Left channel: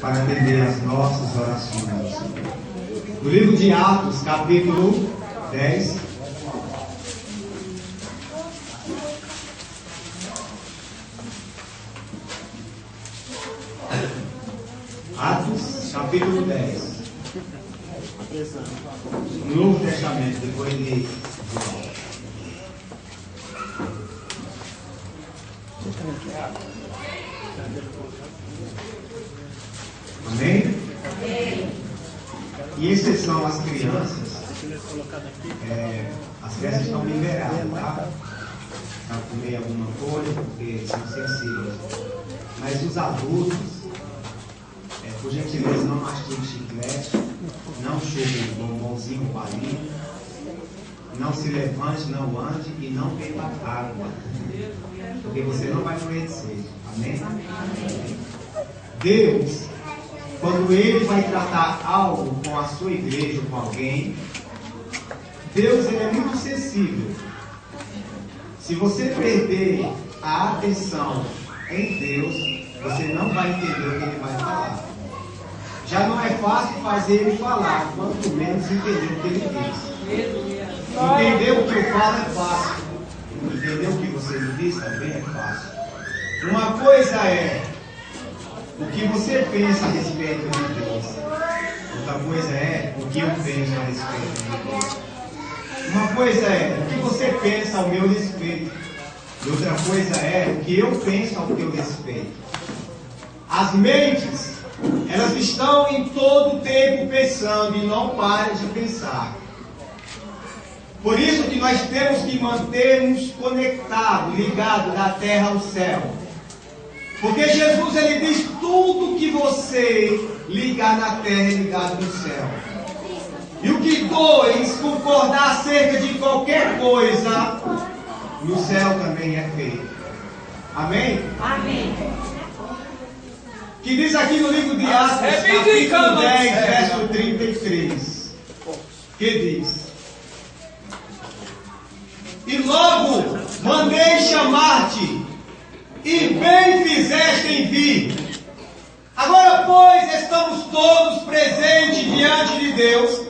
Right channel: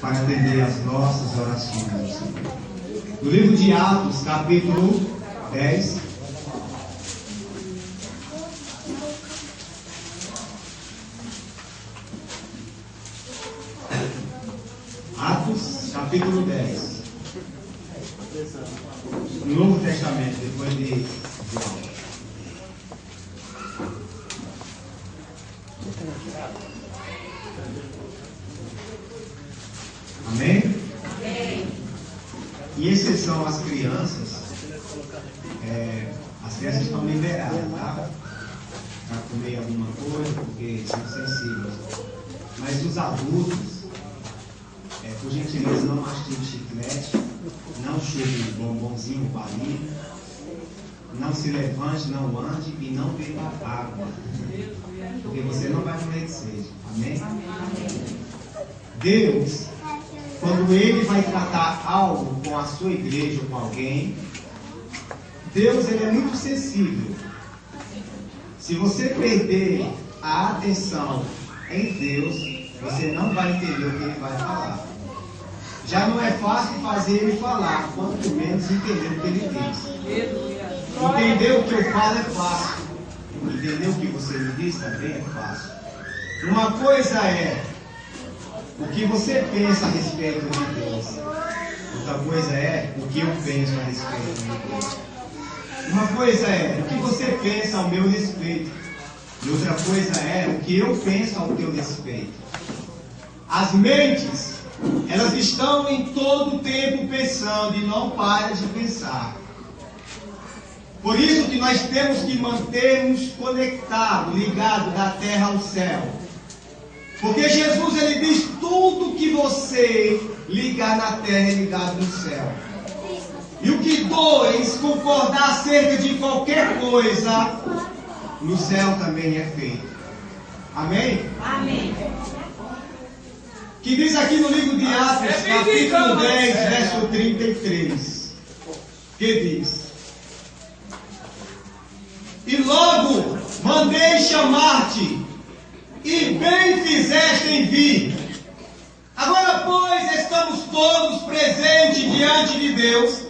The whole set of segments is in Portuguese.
para atender as nossas orações. No livro de Atos, capítulo 10. Atos, capítulo 10. No Novo Testamento, depois de João. Amém? E exceção às crianças, as crianças estão liberadas, tá? Para comer alguma coisa, porque são sensíveis. Mas os adultos, por gentileza, não mastigue chiclete, não chupe bombonzinho, balinha, não se levante, não ande e não beba água, porque você não vai morrer de sede. Amém? Deus, quando Ele vai tratar algo com a sua igreja ou com alguém, Deus ele é muito sensível. Se você perder a atenção em Deus, você não vai entender o que Ele vai falar. Já não é fácil fazer Ele falar, quanto menos entender o que Ele diz. Entender o que eu falo é fácil. Entender o que você me diz também é fácil. Uma coisa é o que você pensa a respeito de Deus. Outra coisa é o que eu penso a respeito de Deus. Uma coisa é o que você pensa ao meu respeito. E outra coisa é o que eu penso ao teu respeito. As mentes, elas estão em todo o tempo pensando e não param de pensar. Por isso que nós temos que manter-nos conectados, ligados da terra ao céu. Porque Jesus ele diz: tudo que você ligar na terra é ligado no céu. E o que dois concordar acerca de qualquer coisa, no céu também é feito. Amém? Amém. Que diz aqui no livro de Atos, capítulo 10, verso 33. Que diz: e logo mandei chamar-te, e bem fizeste em vir. Agora, pois, estamos todos presentes diante de Deus,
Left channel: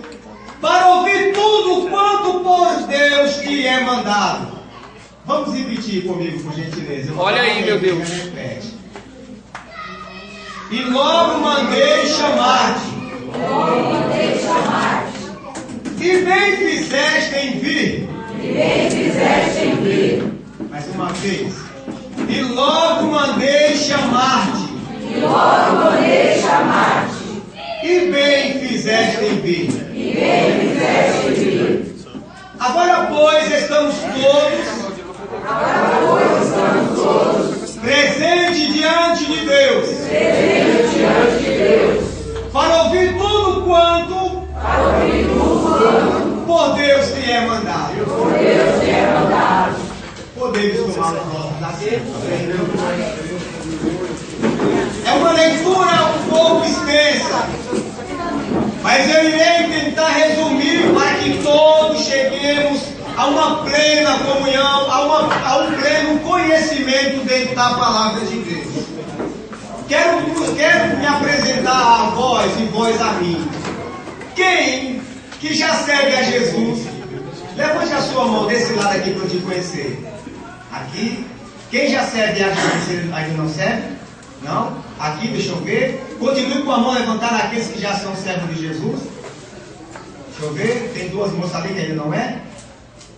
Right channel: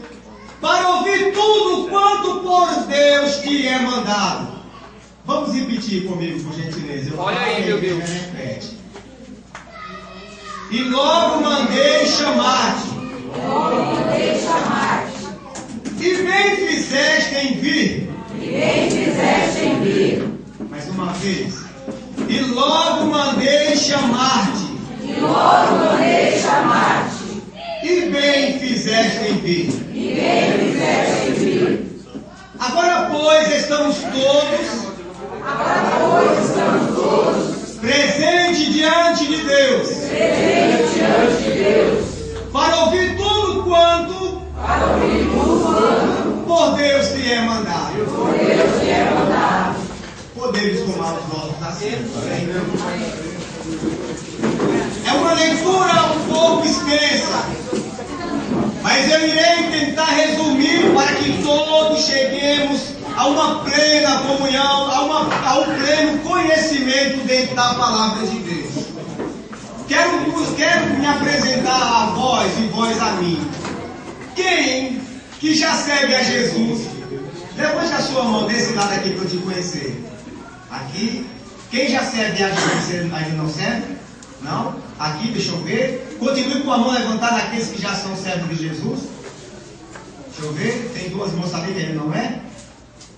para ouvir tudo quanto por Deus te é mandado. Vamos repetir comigo, por gentileza. Olha aí, meu Deus. Repete. E logo mandei chamar-te. E bem fizeste em vir. Mais uma vez. E logo mandei chamar-te. E bem fizeste em vir. Agora, pois, estamos todos presentes diante de Deus. Para ouvir tudo quanto por Deus te é mandado. Podemos tomar os nossos assentos. É uma leitura um pouco extensa, mas eu irei tentar resumir para que todos cheguemos a uma plena comunhão, a um pleno conhecimento dentro da palavra de Deus. Quero me apresentar a vós e vós a mim. Quem que já serve a Jesus, levante a sua mão desse lado aqui para eu te conhecer. Aqui. Quem já serve a Jesus ainda não serve? Não? Aqui, deixa eu ver. Continue com a mão levantada aqueles que já são servos de Jesus. Deixa eu ver. Tem duas moças ali que ainda não é?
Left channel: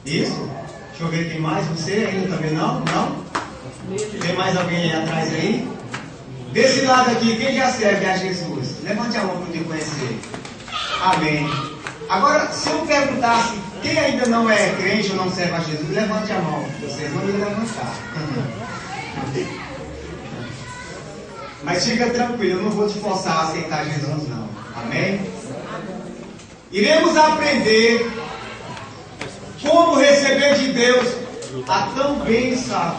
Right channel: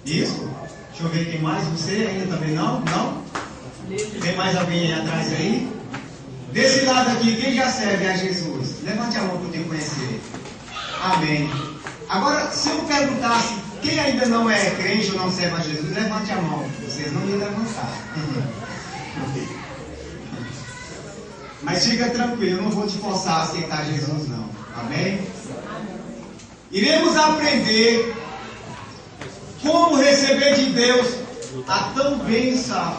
Isso. Deixa eu ver quem mais. Você ainda também não? Não? Tem mais alguém aí atrás aí? Desse lado aqui, quem já serve a Jesus? Levante a mão para eu te conhecer. Amém. Agora, se eu perguntasse quem ainda não é crente ou não serve a Jesus, levante a mão. Vocês vão me levantar. Mas fica tranquilo, eu não vou te forçar a aceitar Jesus não. Amém? Iremos aprender como receber de Deus a tão bênção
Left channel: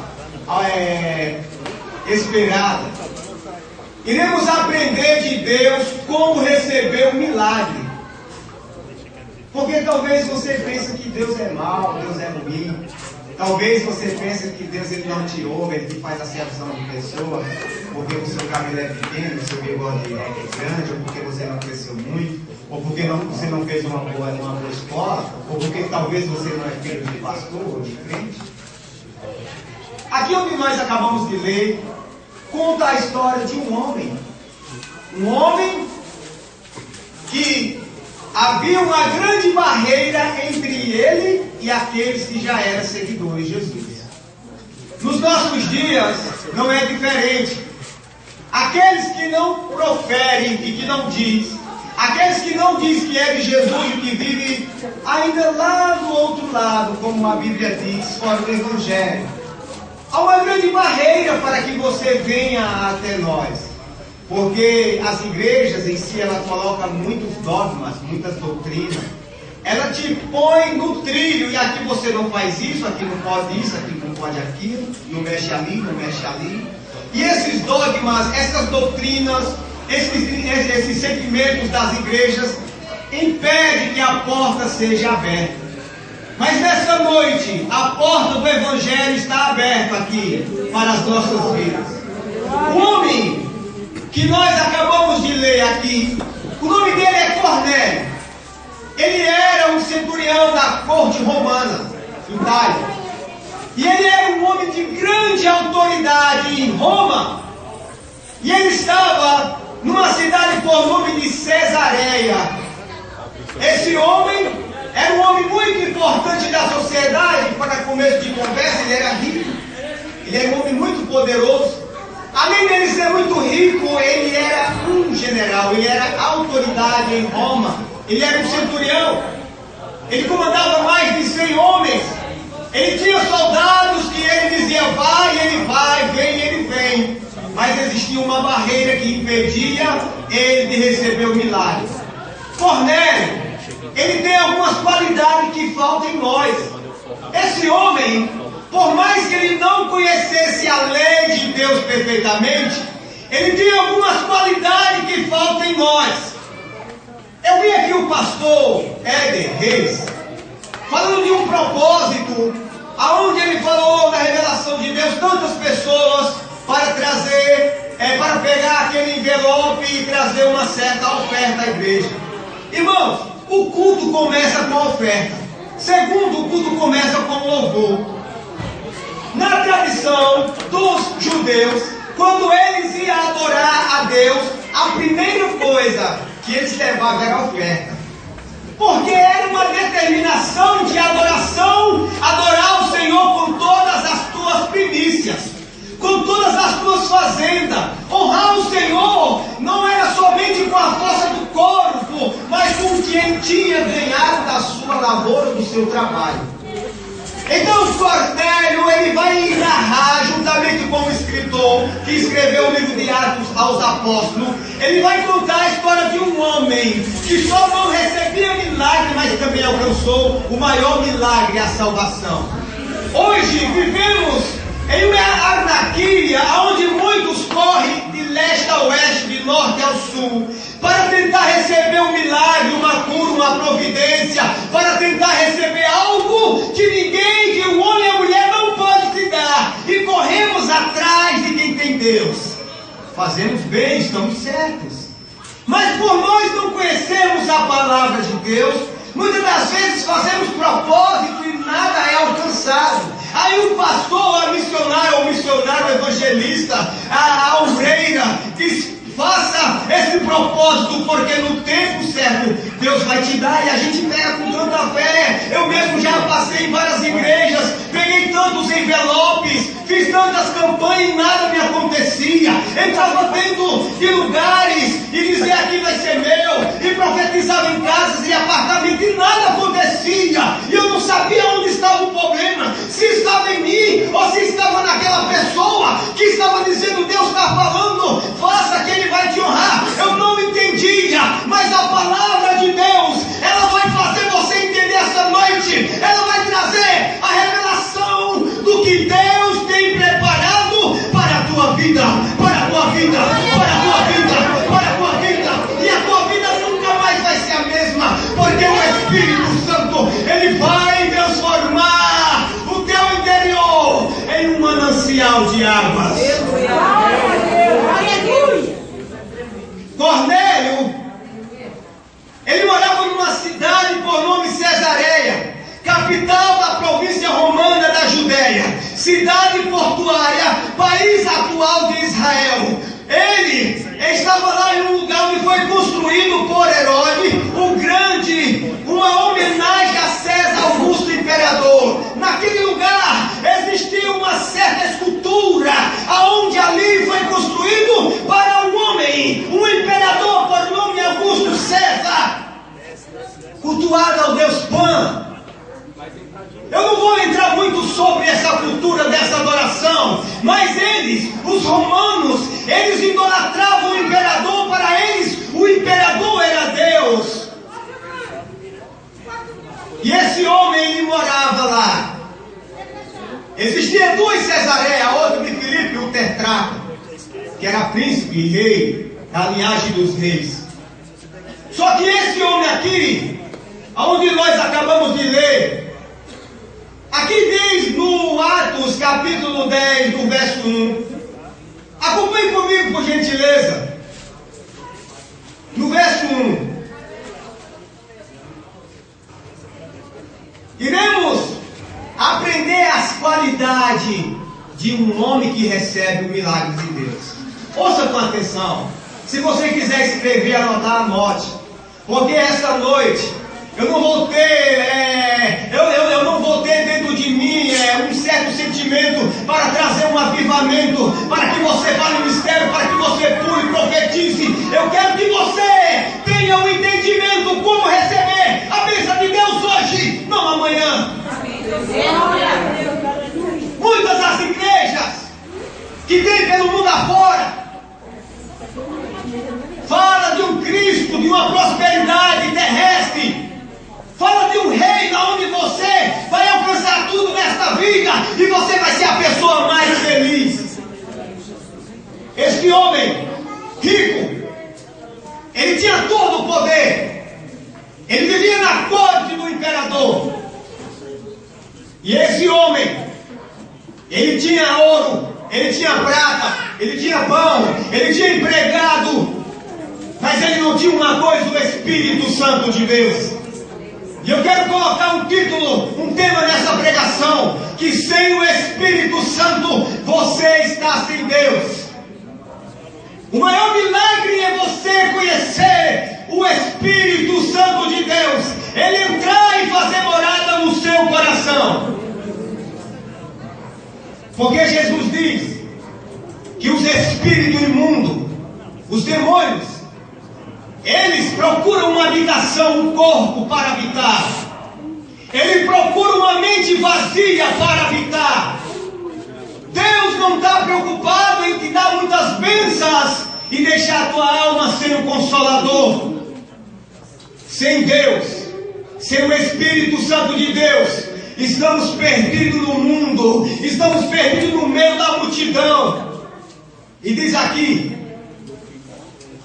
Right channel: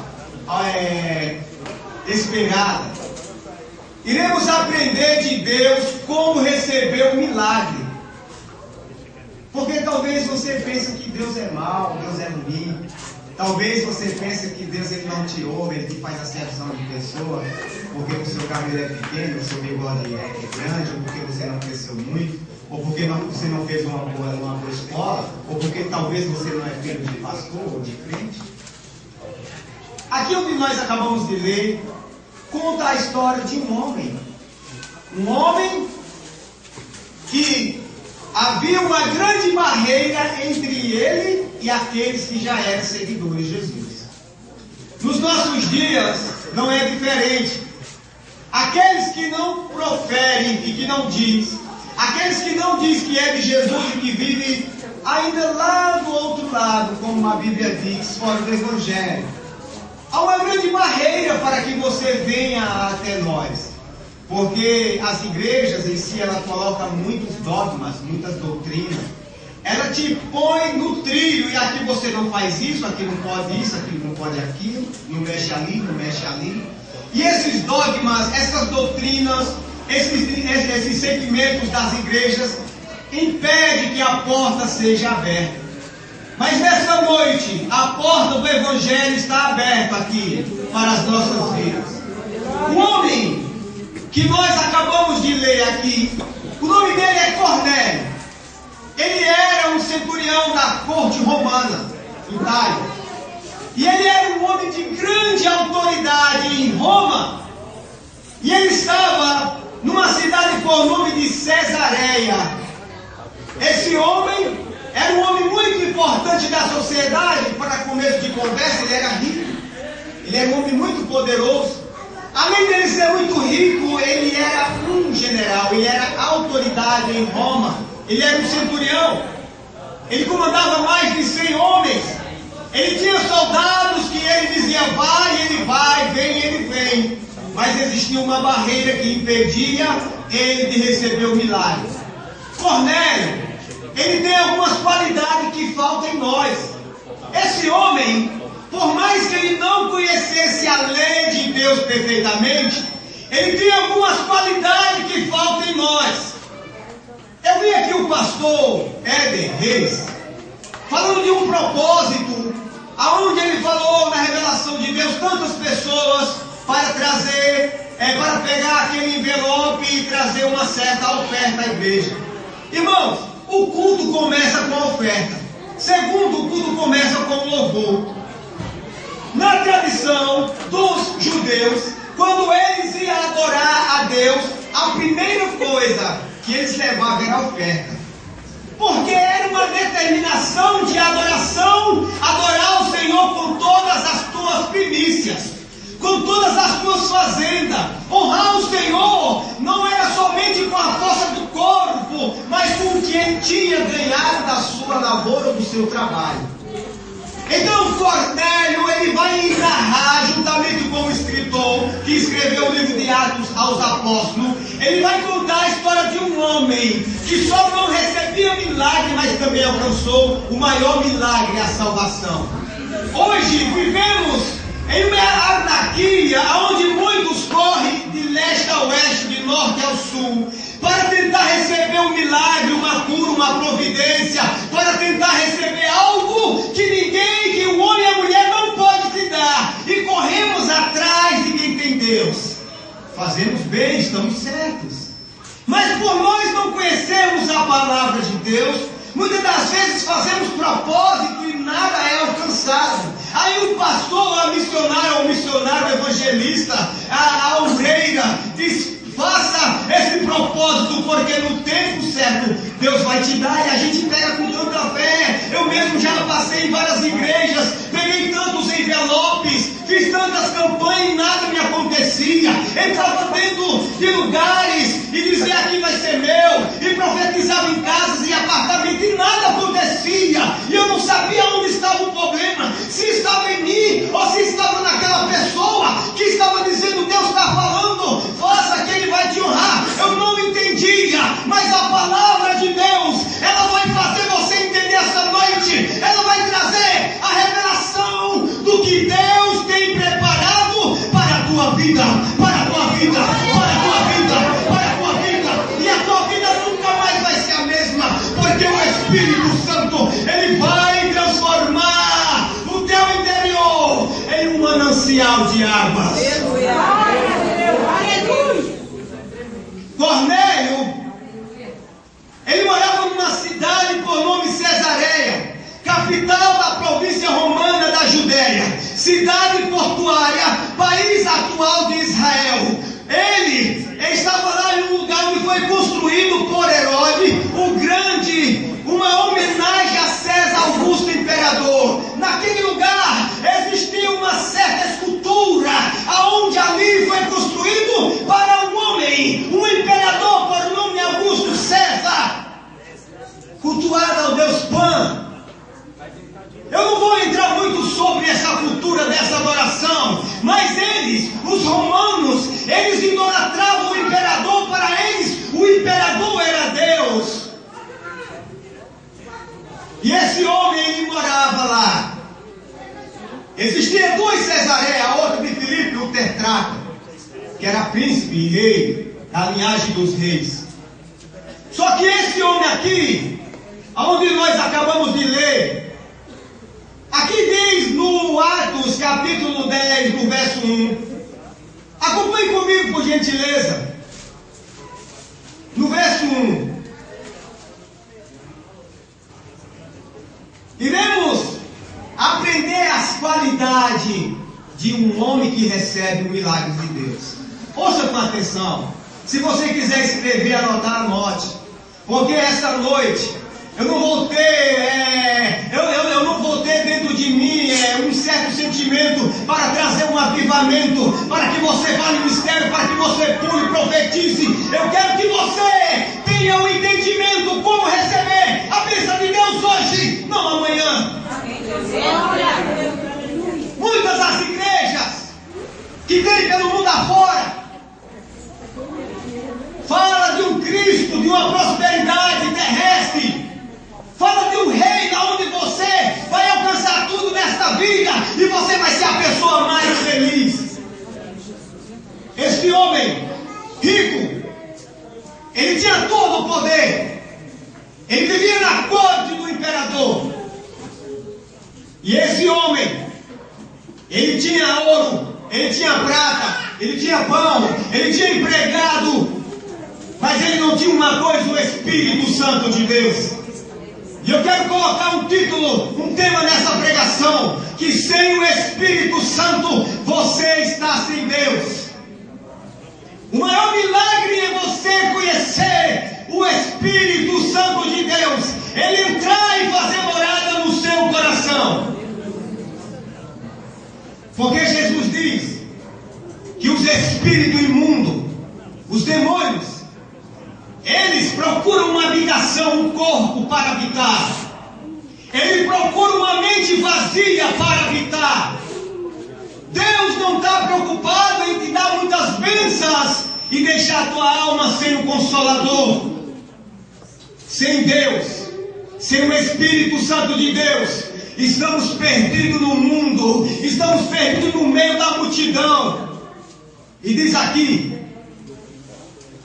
esperada. Iremos aprender de Deus como receber o milagre. Porque talvez você pense que Deus é mau, Deus é ruim. Talvez você pense que Deus ele não te ouve, ele faz acepção de pessoa, porque o seu cabelo é pequeno, o seu bigode é grande, ou porque você não cresceu muito, ou porque você não fez uma boa escola, ou porque talvez você não é filho de pastor ou de crente. Aqui onde nós acabamos de ler, conta a história de um homem. Um homem que havia uma grande barreira entre ele e aqueles que já eram seguidores de Jesus. Nos nossos dias não é diferente. Aqueles que não proferem e que não diz, aqueles que não diz que é de Jesus e que vive ainda lá do outro lado, como a Bíblia diz, fora do Evangelho. Há uma grande barreira para que você venha até nós. Porque as igrejas em si, elas colocam muitos dogmas, muitas doutrinas. Ela te põe no trilho, e aqui você não faz isso, aqui não pode isso, aqui não pode aquilo, não mexe ali, não mexe ali. E esses dogmas, essas doutrinas, esses sentimentos das igrejas, impedem que a porta seja aberta. Mas nessa noite, a porta do Evangelho está aberta aqui, para as nossas vidas. O homem que nós acabamos de ler aqui, o nome dele é Cornélio. Ele era um centurião da corte romana, Itália. E ele era um homem de grande autoridade em Roma. E ele estava numa cidade por nome de Cesareia. Esse homem era um homem muito importante da sociedade. Para começo de conversa, ele era rico. Ele era um homem muito poderoso. Além dele ser muito rico, ele era um general, ele era autoridade em Roma, ele era um centurião, ele comandava mais de 100 homens, ele tinha soldados que ele dizia vai, vem, ele vem, mas existia uma barreira que impedia ele de receber o milagre. Cornélio, ele tem algumas qualidades que faltam em nós. Esse homem, por mais que ele não conhecesse a lei de Deus perfeitamente, ele tinha algumas qualidades que faltam em nós. Eu vi aqui o pastor Éder Reis falando de um propósito, aonde ele falou na revelação de Deus tantas pessoas para trazer, para pegar aquele envelope e trazer uma certa oferta à igreja. Irmãos, o culto começa com a oferta. Segundo, o culto começa com o louvor. Na tradição dos judeus, quando eles iam adorar a Deus, a primeira coisa que eles levavam era a oferta. Porque era uma determinação de adoração, adorar o Senhor com todas as tuas primícias, com todas as tuas fazendas. Honrar o Senhor não era somente com a força do corpo, mas com o que ele tinha ganhado da sua lavoura, do seu trabalho. Então Cornélio, ele vai narrar, juntamente com o escritor que escreveu o livro de Atos aos Apóstolos, ele vai contar a história de um homem que só não recebia milagre, mas também alcançou o maior milagre, a salvação. Hoje vivemos em uma anarquia onde muitos correm de leste a oeste, de norte ao sul, para tentar receber um milagre, uma cura, uma providência, para tentar receber algo que ninguém, que o homem e a mulher não pode te dar, e corremos atrás de quem tem Deus. Fazemos bem, estamos certos, mas por nós não conhecermos a palavra de Deus, muitas das vezes fazemos propósito e nada é alcançado. Aí o pastor, a missionária, o missionário evangelista, a obreira, diz: faça esse propósito, porque no tempo certo Deus vai te dar. E a gente pega com tanta fé. Eu mesmo já passei em várias igrejas, peguei tantos envelopes, fiz tantas campanhas e nada me acontecia. Entrava dentro de lugares e dizia: aqui vai ser meu, e profetizava em casas e apartamentos e nada acontecia. E eu não sabia onde estava o problema, se estava em mim ou se estava naquela pessoa que estava dizendo: Deus está falando, faça que Ele vai te honrar. Eu não entendia, mas a palavra de Deus, ela vai fazer você entender essa noite. Ela vai trazer a revelação do que Deus tem preparado para a tua vida, para a tua vida, para a tua vida, para a tua vida. E a tua vida nunca mais vai ser a mesma, porque o Espírito Santo, ele vai transformar o teu entendimento Cesareia, capital da província romana da Judéia, cidade portuária, país atual de Israel. Ele estava lá em um lugar onde foi construído por Herodes o Grande, uma homenagem a César Augusto Imperador. Naquele lugar existia uma certa escultura, aonde ali foi construído para um homem, um imperador por nome Augusto César, cultuado ao deus Pan. Eu não vou entrar muito sobre essa cultura dessa adoração, mas eles, os romanos, eles idolatravam o imperador. Para eles o imperador era Deus. E esse homem, ele morava lá. Existia dois Cesareia, outro de Filipe, o tetrarca, que era príncipe e rei, da linhagem dos reis. Só que esse homem aqui, aonde nós acabamos de ler, aqui diz no Atos capítulo 10, no verso 1. Acompanhe comigo, por gentileza. No verso 1. Iremos aprender as qualidades de um homem que recebe o milagre de Deus. Ouça com atenção. Se você quiser escrever, anotar, anote. Porque essa noite eu não vou ter, eu não vou ter dentro de mim um certo sentimento para trazer um avivamento, para que você fale o mistério, para que você pule e profetize. Eu quero que você tenha um entendimento como receber a bênção de Deus hoje, não amanhã. Muitas das igrejas que tem pelo mundo afora fala de um Cristo, de uma prosperidade terrestre. Fala de um reino onde você vai alcançar tudo nesta vida e você vai ser a pessoa mais feliz. Este homem rico, ele tinha todo o poder. Ele vivia na corte do imperador. E esse homem, ele tinha ouro, ele tinha prata, ele tinha pão, ele tinha empregado, mas ele não tinha uma coisa, o Espírito Santo de Deus. E eu quero colocar um título, um tema nessa pregação, que sem o Espírito Santo você está sem Deus. O maior milagre é você conhecer o Espírito Santo de Deus, ele entrar e fazer morada no seu coração. Porque Jesus diz que os espíritos imundos, os demônios, eles procuram uma habitação, um corpo para habitar. Ele procura uma mente vazia para habitar. Deus não está preocupado em te dar muitas bênçãos e deixar a tua alma sem o Consolador. Sem Deus, sem o Espírito Santo de Deus, estamos perdidos no mundo, estamos perdidos no meio da multidão. E diz aqui:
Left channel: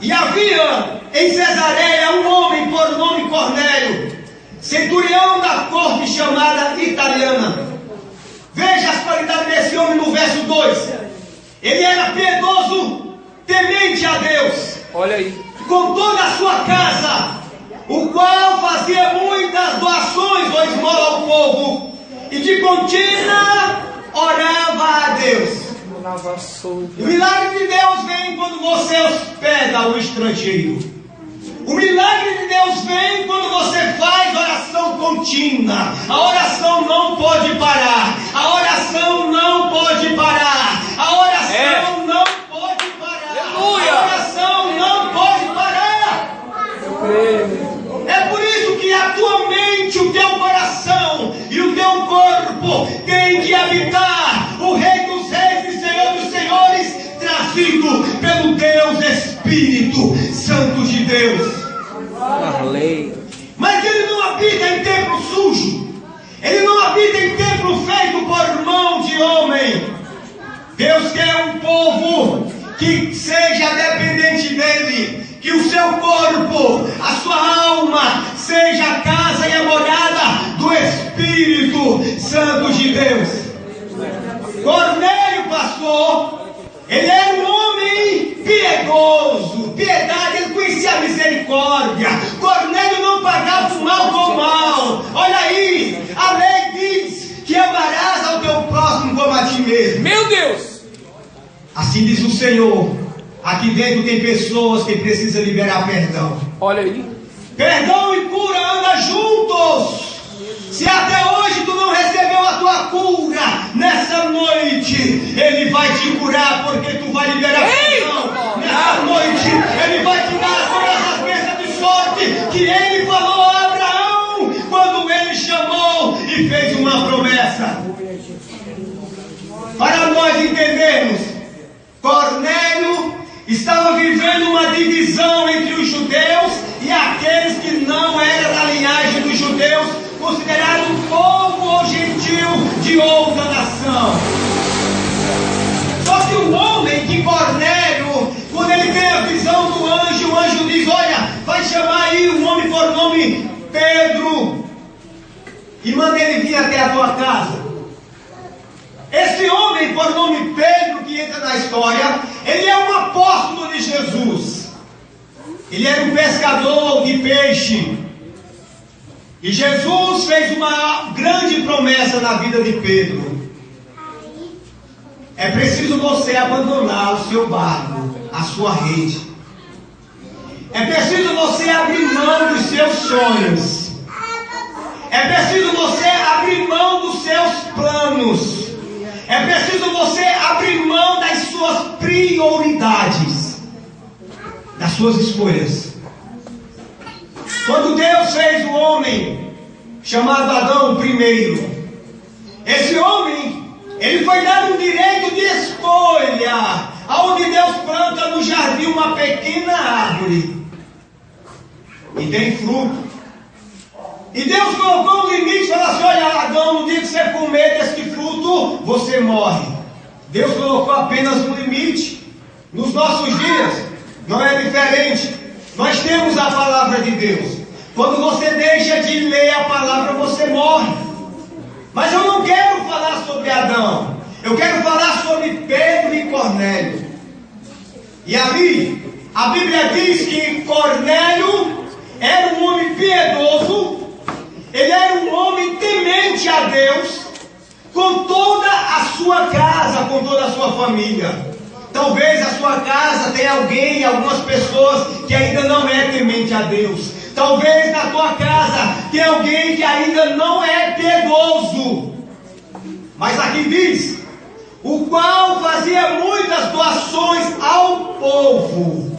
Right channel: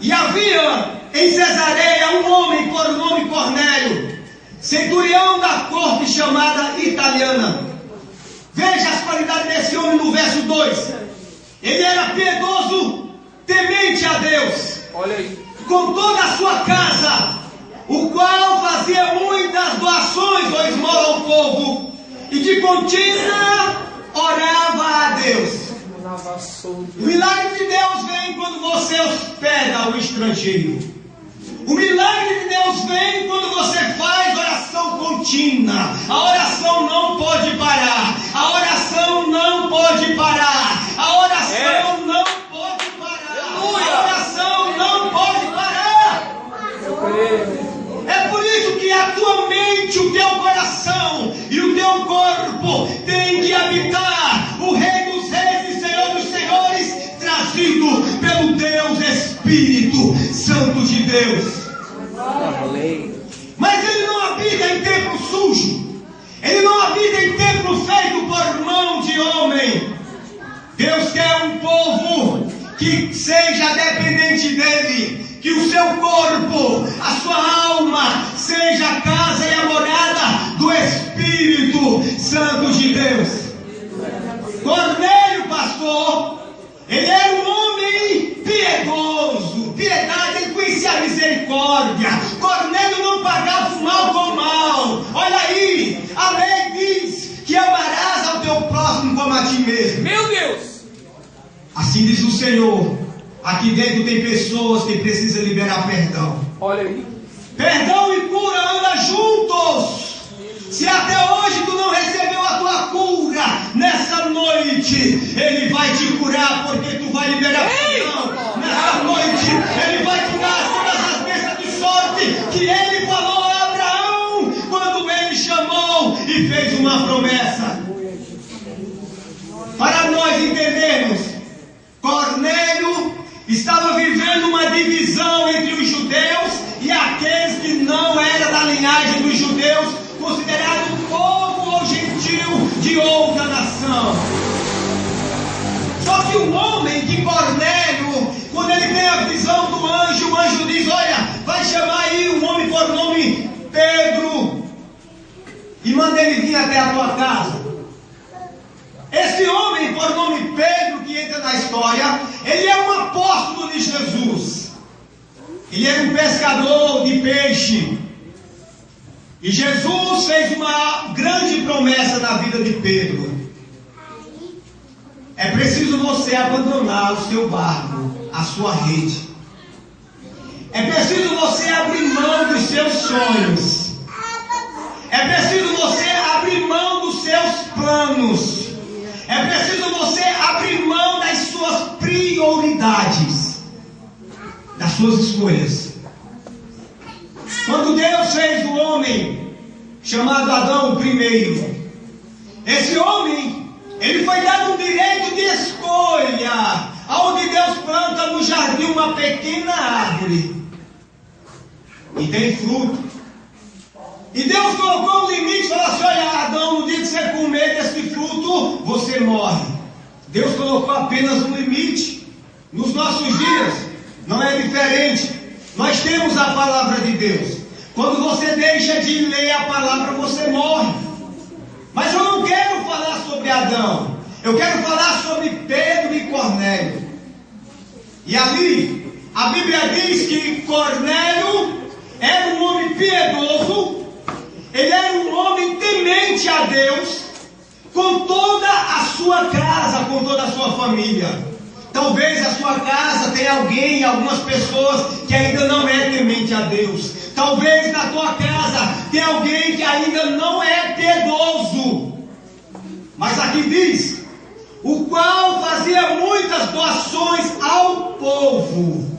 e havia em Cesareia um homem por nome Cornélio, centurião da corte chamada italiana. Veja as qualidades desse homem no verso 2. Ele era piedoso, temente a Deus. Olha aí. Com toda a sua casa, o qual fazia muitas doações ou esmola ao povo, e de contínua orava a Deus. O milagre de Deus vem quando você hospeda o estrangeiro. O milagre de Deus vem quando você faz oração contínua. A oração não pode parar. A oração não pode parar. A oração não pode parar. A oração não pode parar. É por isso que a tua mente, o teu coração e o teu corpo tem que habitar o Rei dos Reis e Senhor dos Senhores, trazido pelo Deus Espírito Santo de Deus. Mas ele não habita em templo sujo. Ele não habita em templo feito por mão de homem. Deus quer um povo que seja dependente dele, que o seu corpo, a sua alma, seja a casa e a morada do Espírito Santo de Deus. Cornélio, pastor, ele era um homem piedoso, piedade, ele conhecia a misericórdia. Cornélio não pagava o mal com o mal. Olha Assim diz o Senhor. Aqui dentro tem pessoas que precisam liberar perdão. Olha aí. Perdão e cura andam juntos. Se até hoje tu não recebeu a tua cura, nessa noite Ele vai te curar, porque tu vai liberar perdão. Nessa noite Ele vai te dar todas as bênçãos de sorte que Ele falou a Abraão quando Ele chamou e fez uma promessa. Para nós entendermos, Cornélio estava vivendo uma divisão entre os judeus e aqueles que não eram da linhagem dos judeus, considerado povo ou gentil de outra nação. Só que o homem de Cornélio, quando ele tem a visão do anjo, o anjo diz: olha, vai chamar aí um homem por nome Pedro e manda ele vir até a tua casa. Esse homem por nome Pedro, que entra na história, ele é um apóstolo de Jesus. Ele era um pescador de peixe. E Jesus fez uma grande promessa na vida de Pedro. É preciso você abandonar o seu barco, a sua rede. É preciso você abrir mão dos seus sonhos. É preciso você abrir mão dos seus planos. É preciso você abrir mão das suas prioridades, das suas escolhas. Quando Deus fez o homem chamado Adão primeiro, esse homem, ele foi dado um direito de escolha, aonde Deus planta no jardim uma pequena árvore e tem fruto. E Deus colocou um limite e falou assim: olha, Adão, no dia que você comer desse fruto, você morre. Deus colocou apenas um limite. Nos nossos dias não é diferente. Nós temos a palavra de Deus. Quando você deixa de ler a palavra, você morre. Mas eu não quero falar sobre Adão. Eu quero falar sobre Pedro e Cornélio. E ali, a Bíblia diz que Cornélio era um homem piedoso. Ele era um homem temente a Deus, com toda a sua casa, com toda a sua família. Talvez a sua casa tenha alguém, algumas pessoas que ainda não é temente a Deus. Talvez na tua casa tenha alguém que ainda não é piedoso. Mas aqui diz: o qual fazia muitas doações ao povo.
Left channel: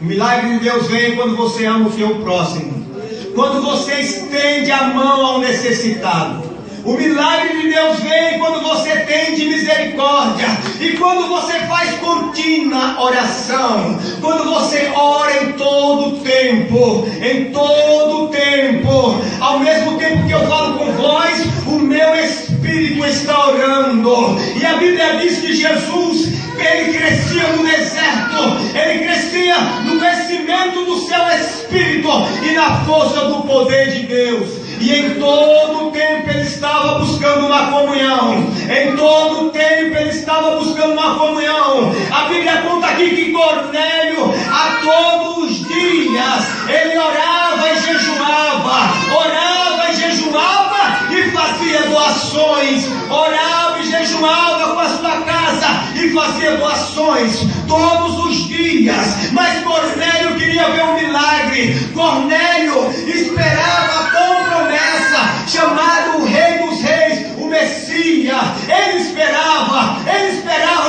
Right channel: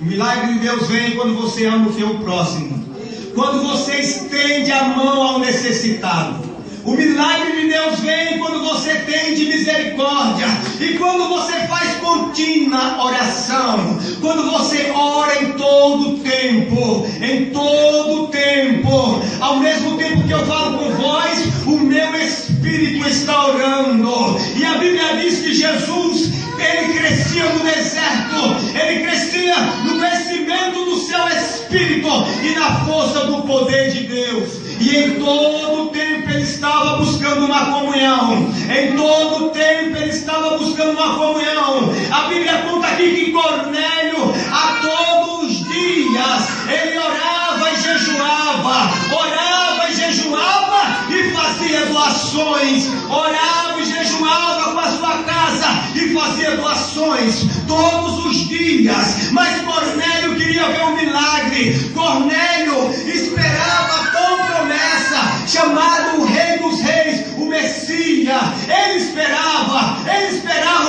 O milagre de Deus vem quando você ama o teu próximo. Quando você estende a mão ao necessitado. O milagre de Deus vem quando você tem de misericórdia. E quando você faz contínua oração. Quando você ora em todo tempo. Em todo tempo. Ao mesmo tempo que eu falo com vós, o meu espírito está orando. E a Bíblia diz que Jesus, ele crescia no deserto. Ele crescia no crescimento do seu espírito e na força do poder de Deus. E em todo o tempo ele estava buscando uma comunhão. Em todo o tempo ele estava buscando uma comunhão. A Bíblia conta aqui que Cornélio, a todos os dias, ele orava e jejuava. Orava e jejuava e fazia doações. Orava e jejuava com a sua casa e fazia doações todos os dias. Mas Cornélio queria ver um milagre. Cornélio esperava a tão promessa, chamado o Rei dos Reis, o Messias. Ele esperava,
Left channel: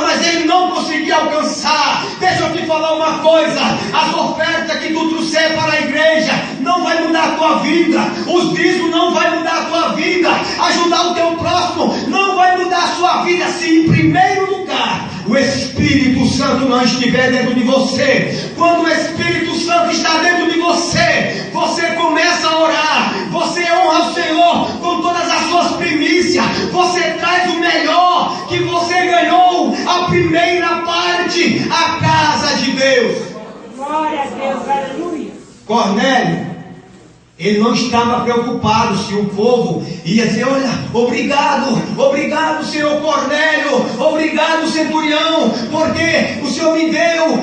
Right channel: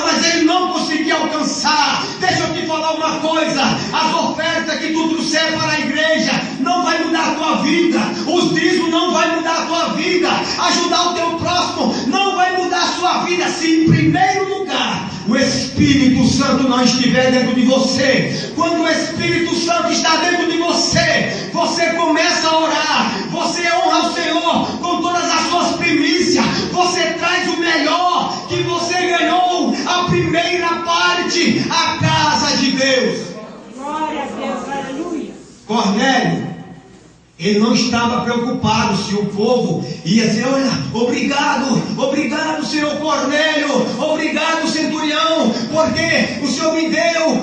mas ele não conseguia alcançar. Deixa eu te falar uma coisa: as ofertas que tu trouxer para a igreja não vai mudar a tua vida. Os dízimos não vai mudar a tua vida. Ajudar o teu próximo não vai mudar a sua vida, se em primeiro lugar o Espírito Santo não estiver dentro de você. Quando o Espírito Santo está dentro de você, você começa a orar, você honra o Senhor com todas as suas primícias, você traz o melhor que você ganhou, a primeira parte, a casa de Deus. Glória a Deus, aleluia. Cornélio, ele não estava preocupado se o povo ia dizer: olha, obrigado Senhor Cornélio, obrigado centurião, porque o Senhor me deu.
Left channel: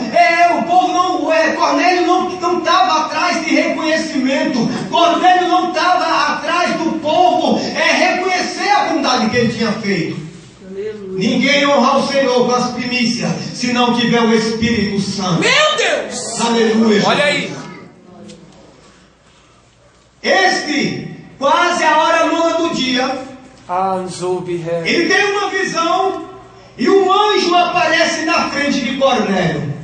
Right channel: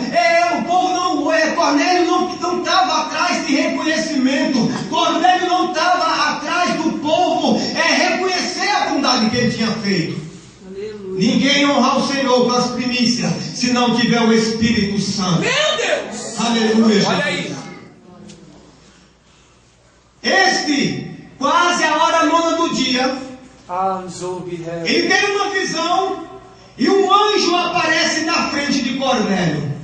O povo não, Cornélio não estava atrás de reconhecimento. Cornélio não estava atrás do povo reconhecer a bondade que ele tinha feito. Ninguém honra honrar o Senhor com as primícias se não tiver o Espírito Santo? Meu Deus! Aleluia. Olha aí. Quase a hora nona do dia, Anzobiher. ele tem uma visão e um anjo aparece na frente de Cornélio.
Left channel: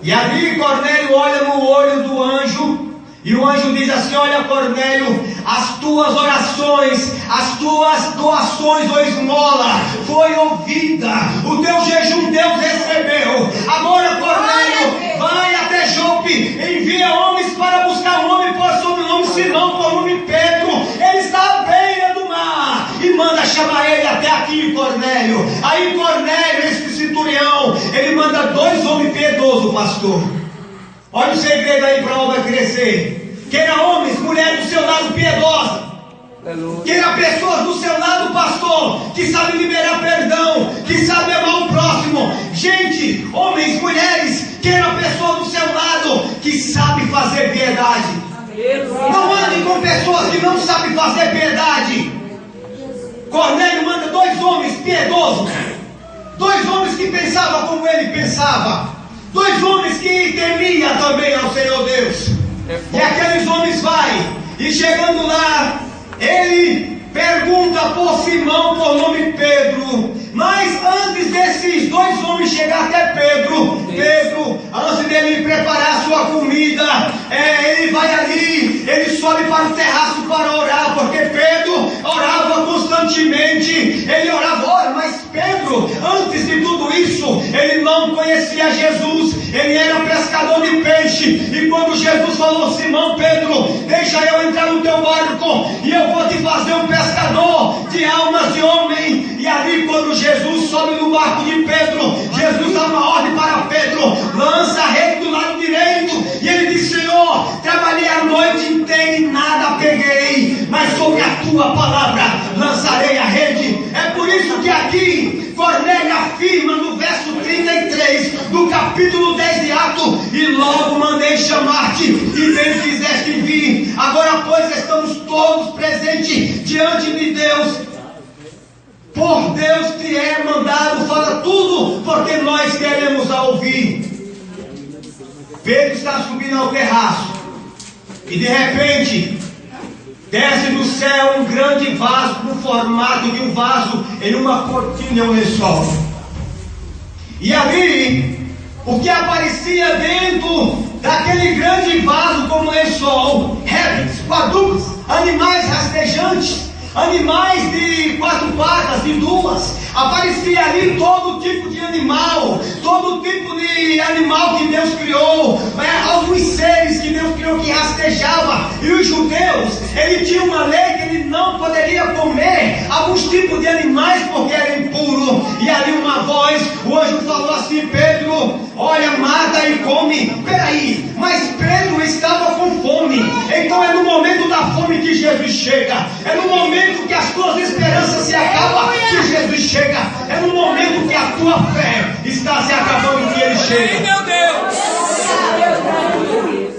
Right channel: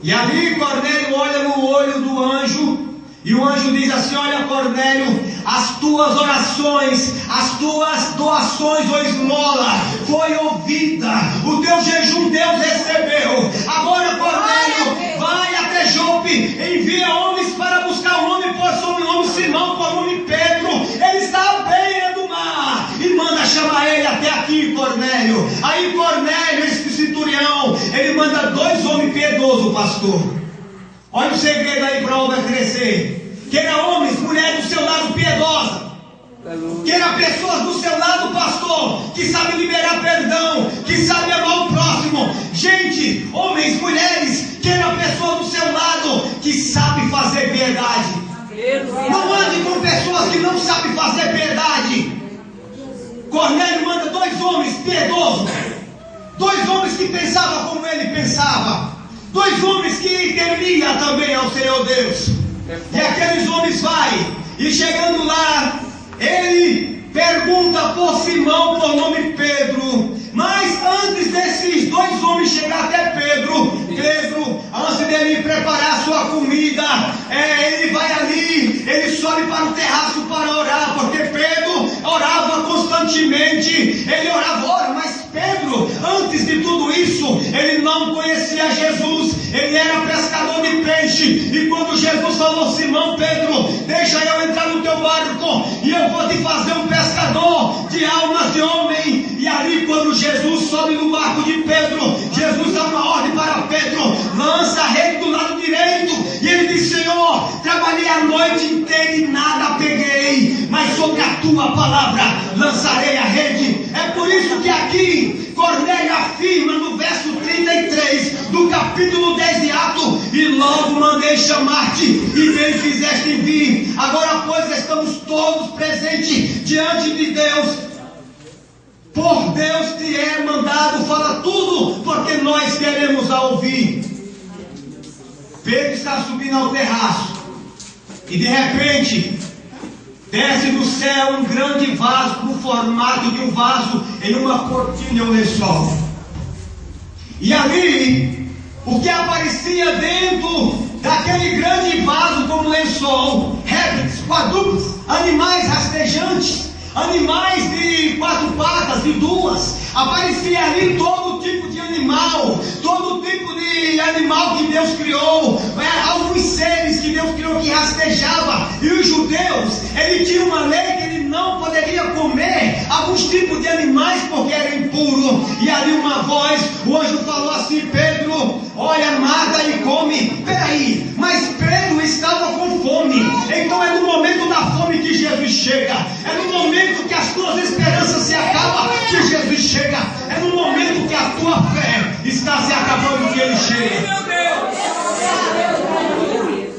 E ali Cornélio olha no olho do anjo, e o anjo diz assim: olha, Cornélio, as tuas orações, as tuas doações ou esmola foi ouvida, o teu jejum Deus recebeu. Agora, Cornélio, vai até Jope, envia homens para buscar um homem por sobrenome Simão, por nome Pedro, ele está à beira do mar, e manda chamar ele até aqui, Cornélio. Aí Cornélio, esse centurião, ele manda 2 homens piedosos, pastor. Olha o segredo aí para a obra crescer. Queira homens, mulheres do seu lado piedosa. Queira pessoas do seu lado, pastor, que sabem liberar perdão, que sabem amar o próximo. Gente, homens, mulheres, queira pessoas do seu lado que sabem fazer piedade. Não ande com pessoas que não sabem fazer piedade. Cornélio manda 2 homens piedosos, 2 homens que pensavam como ele pensava, 2 homens que temiam também ao Senhor Deus. E aqueles homens vai, e chegando lá, ele pergunta por Simão, por nome Pedro. Mas antes desses 2 homens chegar até Pedro, antes dele preparar a sua comida, ele vai ali, ele sobe para o terraço para orar, porque Pedro orava constantemente, ele orava, mas Pedro, antes de tudo isso, ele não conhecia Jesus, ele era pescador de peixe, e quando Jesus falou: Simão, Pedro, deixa eu entrar no teu barco, e eu vou te fazer um pescador de almas de homem. E ali quando Jesus sobe no barco de Pedro, Jesus dá uma ordem para Pedro: lança a rede do lado direito. E ele diz: Senhor, trabalhei a noite inteira e nada peguei, mas sobre a tua palavra lançarei a rede. É por isso que aqui Cornélio afirma no verso 33 do capítulo 10 de Atos: e logo mandei chamar-te, e bem fizeste vir. Agora, pois, estamos todos presentes diante de Deus. Por Deus te é mandado, fala tudo, porque nós queremos a ouvir. Pedro está subindo ao terraço, e de repente desce do céu um grande vaso, no formato de um vaso, em uma cortina, um lençol. E ali, o que aparecia dentro daquele grande vaso como lençol: répteis, quadrúpedes, animais rastejantes, animais de 4 patas, de 2. Aparecia ali todo tipo de animal, todo tipo de animal que Deus criou, alguns seres que Deus criou que rastejava. E os judeus, ele tinha uma lei que ele não poderia comer alguns tipos de animais porque era impuro. E ali uma voz, o anjo falou assim: Pedro, olha, mata e come. Peraí, mas Pedro estava com fome. Então é no momento da fome que Jesus chega, é no momento que as tuas esperanças se acabam que Jesus chega, é no momento que a tua fé está se acabando que ele chega.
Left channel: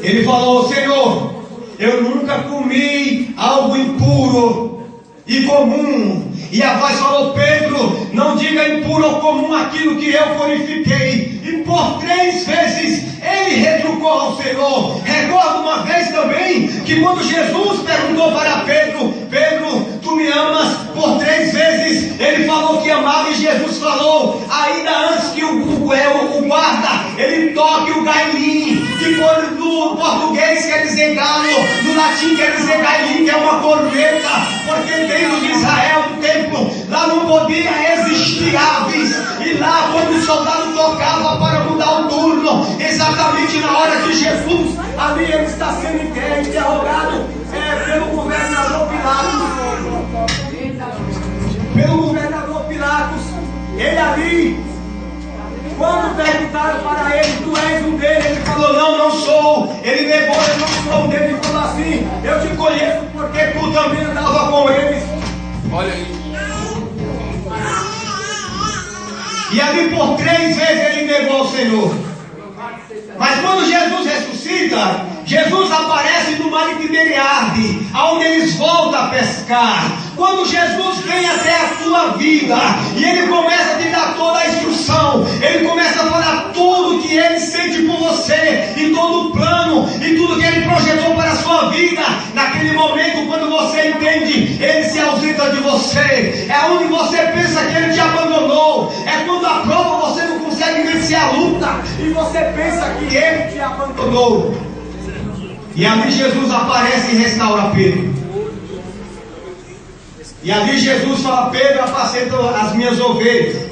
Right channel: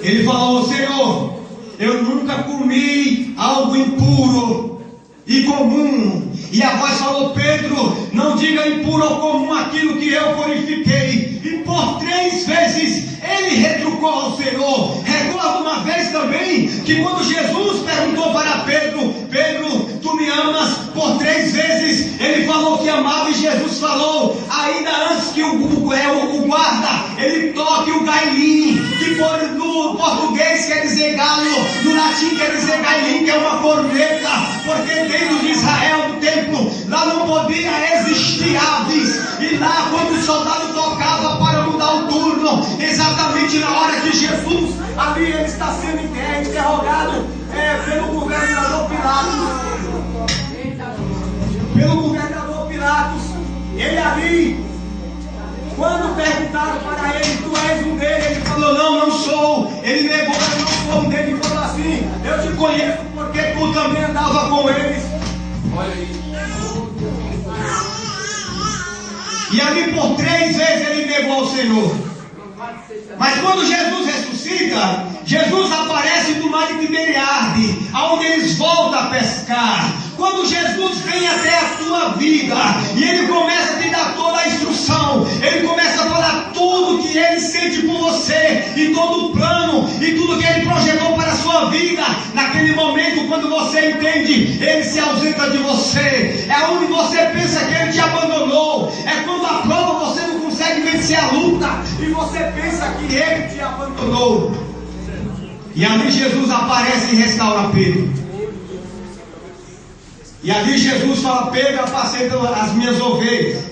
Ele falou: Senhor, eu nunca comi algo impuro e comum. E a voz falou: Pedro, não diga impuro ou comum aquilo que eu purifiquei. E por 3 vezes ele retrucou ao Senhor. Recordo uma vez também que quando Jesus perguntou para Pedro: Pedro, tu me amas? Por 3 vezes ele falou que amava, e Jesus falou, ainda antes que o guarda ele toque o gailim, que no português quer dizer galo, no latim quer dizer gailim, que é uma corneta, porque dentro de Israel, no templo, lá não podia existir aves. E lá quando o soldado tocava para mudar o turno, exatamente na hora que Jesus, ali ele está sendo interrogado pelo governador Pilatos. Ele ali, quando perguntaram para ele: tu és um deles? Ele falou: não sou. Ele negou: eu não sou um deles. Ele falou assim: eu te conheço porque tu também andava com eles. Olha aí. E ali por 3 vezes ele negou ao Senhor. Mas quando Jesus ressuscita, Jesus aparece no mar de Tiberiade, aonde eles voltam a pescar. Quando Jesus vem até a tua vida e Ele começa a te dar toda a instrução, Ele começa a falar tudo que Ele sente por você, e todo o plano, e tudo que Ele projetou para a sua vida, naquele momento, quando você entende, Ele se ausenta de você. É onde você pensa que Ele te abandonou. É quando a prova você não consegue vencer a luta, e você pensa que Ele te abandonou. E ali Jesus aparece e restaura Pedro. E ali Jesus fala: Pedro, apacenta as minhas ovelhas.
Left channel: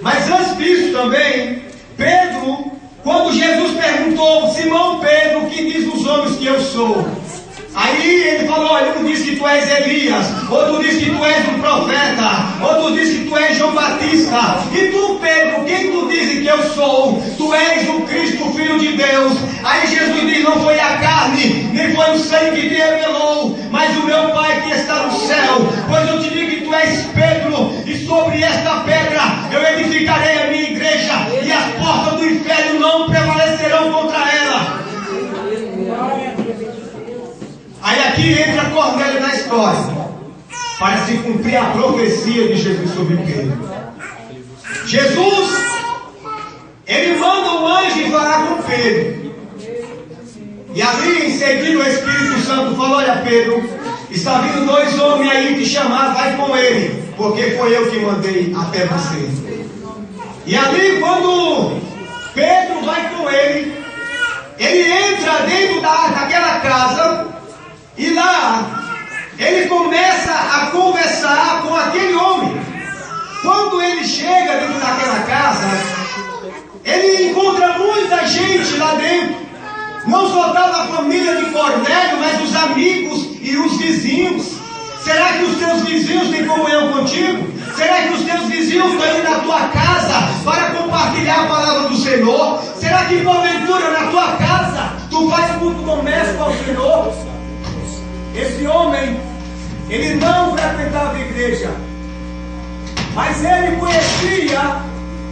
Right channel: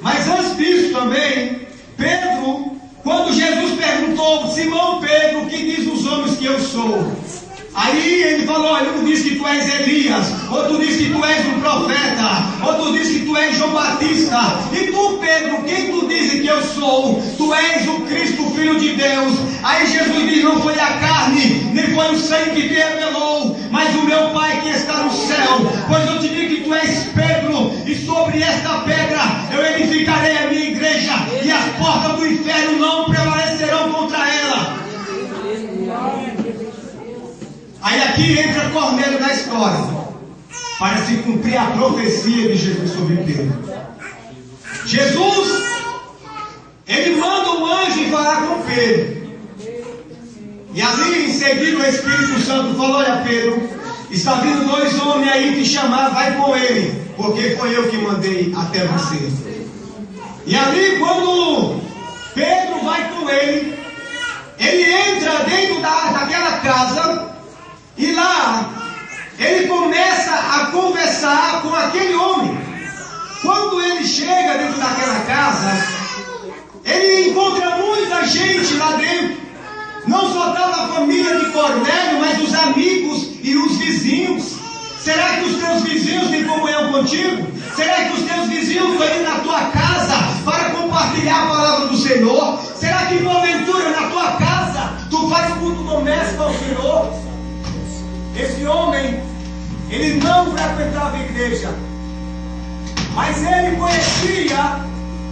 Mas antes disso também, Pedro, quando Jesus perguntou: Simão Pedro, o que diz os homens que eu sou? Aí ele falou: olha, um diz que tu és Elias, outro diz que tu és um profeta, outro diz que tu és João Batista. E tu, Pedro, quem tu dizes que eu sou? Tu és o Cristo, Filho de Deus. Aí Jesus diz: não foi a carne, nem foi o sangue que te revelou, mas o meu Pai que está no céu. Pois eu te digo que tu és Pedro, e sobre esta pedra eu edificarei a minha igreja, e as portas do inferno não prevalecerão contra ela. Aí aqui entra Cornélio na história, para se cumprir a profecia de Jesus sobre Pedro. Jesus, ele manda um anjo falar com Pedro. E ali em seguida o Espírito Santo falou: olha Pedro, está vindo 2 homens aí te chamar, vai com ele, porque foi eu que mandei até você. E ali quando Pedro vai com ele entra dentro daquela casa. E lá, ele começa a conversar com aquele homem. Quando ele chega dentro daquela casa, ele encontra muita gente lá dentro. Não só estava a família de Cornélio, mas os amigos e os vizinhos. Será que os teus vizinhos têm comunhão contigo? Será que os teus vizinhos estão indo na tua casa para compartilhar a palavra do Senhor? Será que porventura na tua casa tu faz culto doméstico ao Senhor? Esse homem, ele não frequentava a igreja, mas ele conhecia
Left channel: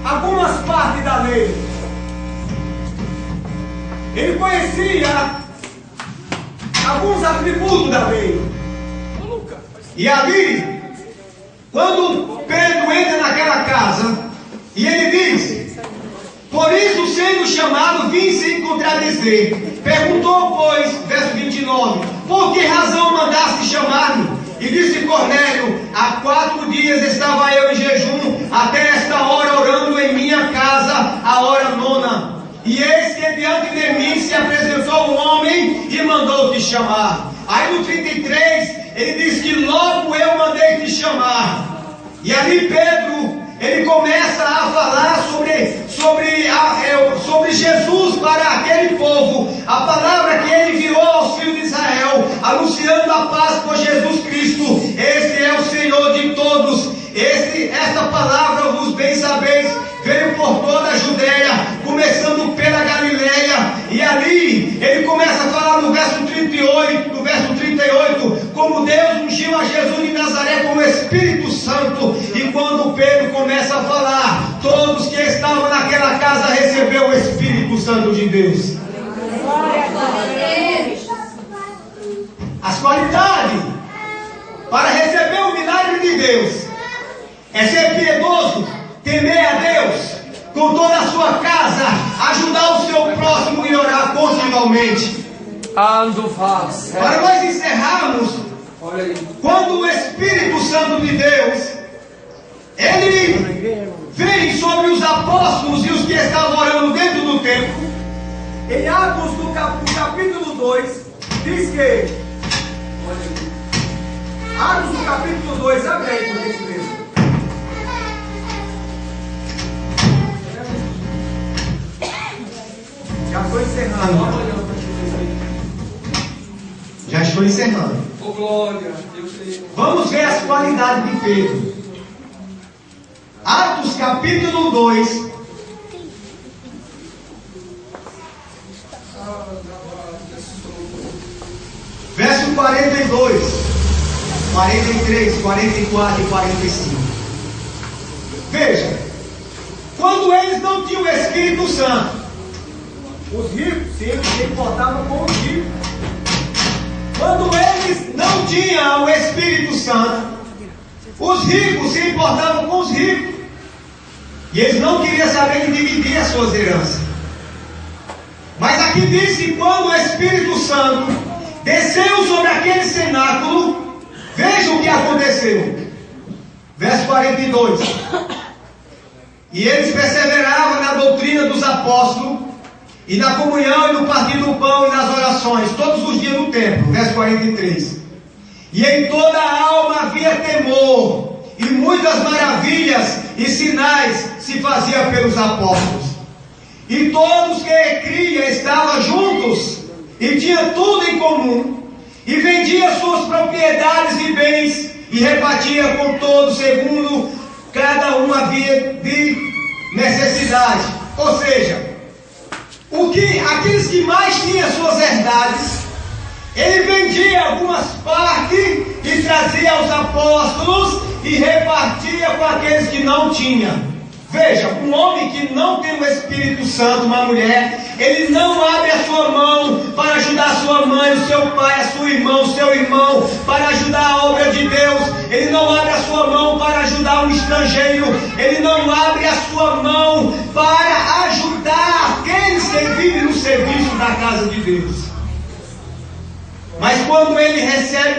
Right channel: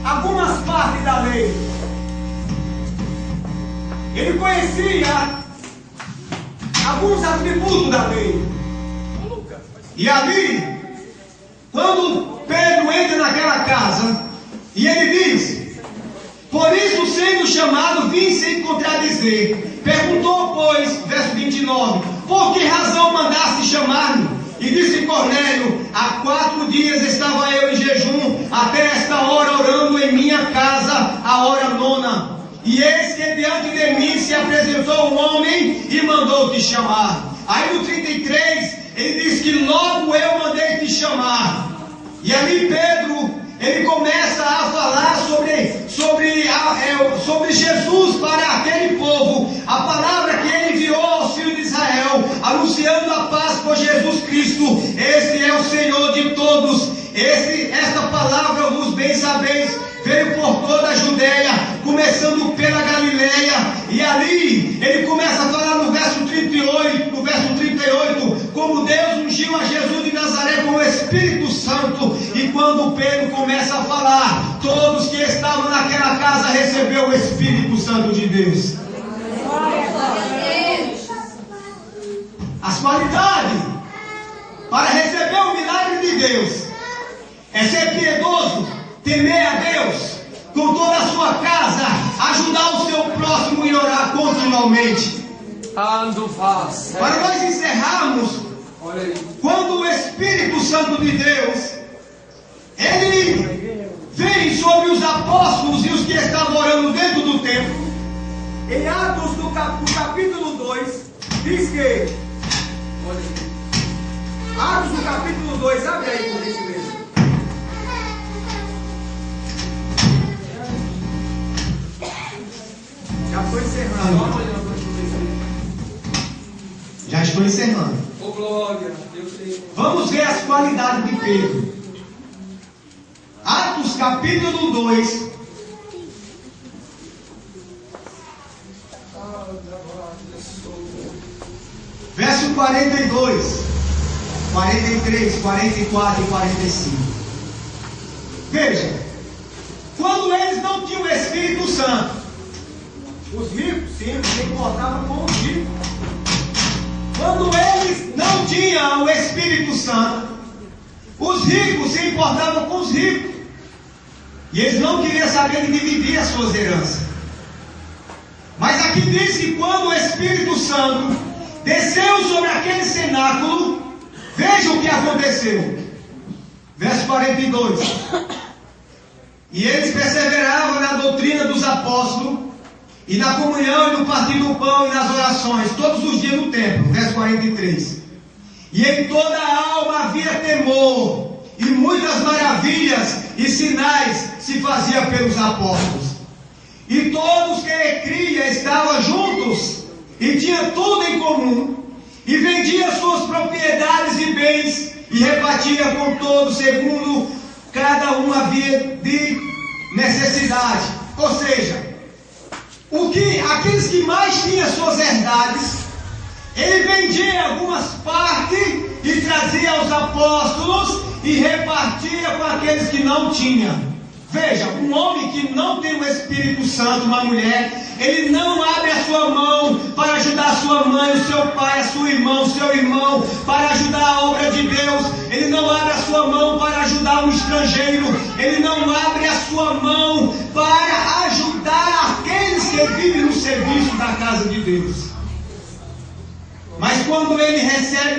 algumas partes da lei. Ele conhecia alguns atributos da lei. E ali, quando Pedro entra naquela casa, e ele diz: por isso, sendo chamado, vim sem contradizer. Perguntou, pois, verso 29, por que razão mandaste chamar-me? E disse Cornélio: há 4 dias estava eu em jejum, até esta hora orando em minha casa, a hora 9. E eis que diante de mim se apresentou um homem e mandou te chamar. Aí no 33, ele diz que logo eu mandei te chamar. E ali Pedro, ele começa a falar sobre Jesus para aquele povo. A palavra que ele enviou aos filhos de Israel, anunciando a paz por Jesus Cristo. Esse é o Senhor de todos. Esta palavra, vos bem sabeis, veio por toda a Judeia, começando pela Galileia. E ali ele começa a falar no verso 38, como Deus ungiu a Jesus de Nazaré com o Espírito Santo. E quando Pedro começa a falar, todos que estavam naquela casa receberam o Espírito Santo de Deus. As qualidades para receber o milagre de Deus é ser piedoso, temer a Deus com toda a sua casa, ajudar o seu próximo e orar continuamente. Para nós encerrarmos, quando o Espírito Santo de Deus, ele vem sobre os apóstolos e os que estavam orando dentro do templo, em Atos no capítulo 2, diz que, Atos no capítulo 2, abre aí por gentileza. Já estou encerrando. Já estou encerrando. Oh, glória. Vamos ver as qualidades de Pedro. Atos capítulo 2. Verso 42, 43, 44 e 45. Veja, quando eles não tinham o Espírito Santo, os ricos, sim, se comportavam com os ricos. quando eles não tinham o Espírito Santo, os ricos se importavam com os ricos. E eles não queriam saber de dividir as suas heranças. Mas aqui diz que quando o Espírito Santo desceu sobre aquele cenáculo, veja o que aconteceu. Verso 42. E eles perseveravam na doutrina dos apóstolos, e na comunhão, e no partir do pão, e nas orações, todos os dias no templo. Verso 43. E em toda a alma havia temor, e muitas maravilhas e sinais se faziam pelos apóstolos. E todos que criam estavam juntos, e tinham tudo em comum, e vendia suas propriedades e bens, e repartia com todos segundo cada um havia de necessidade. Ou seja, aqueles que mais tinham suas herdades, ele vendia algumas partes e trazia aos apóstolos e repartia com aqueles que não tinham. Veja, um homem que não tem o Espírito Santo, uma mulher, ele não abre a sua mão para ajudar a sua mãe, o seu pai, a sua irmã, o seu irmão, para ajudar a obra de Deus. Ele não abre a sua mão para ajudar um estrangeiro. Ele não abre a sua mão para ajudar aqueles que vivem no serviço da casa de Deus. Mas quando ele recebe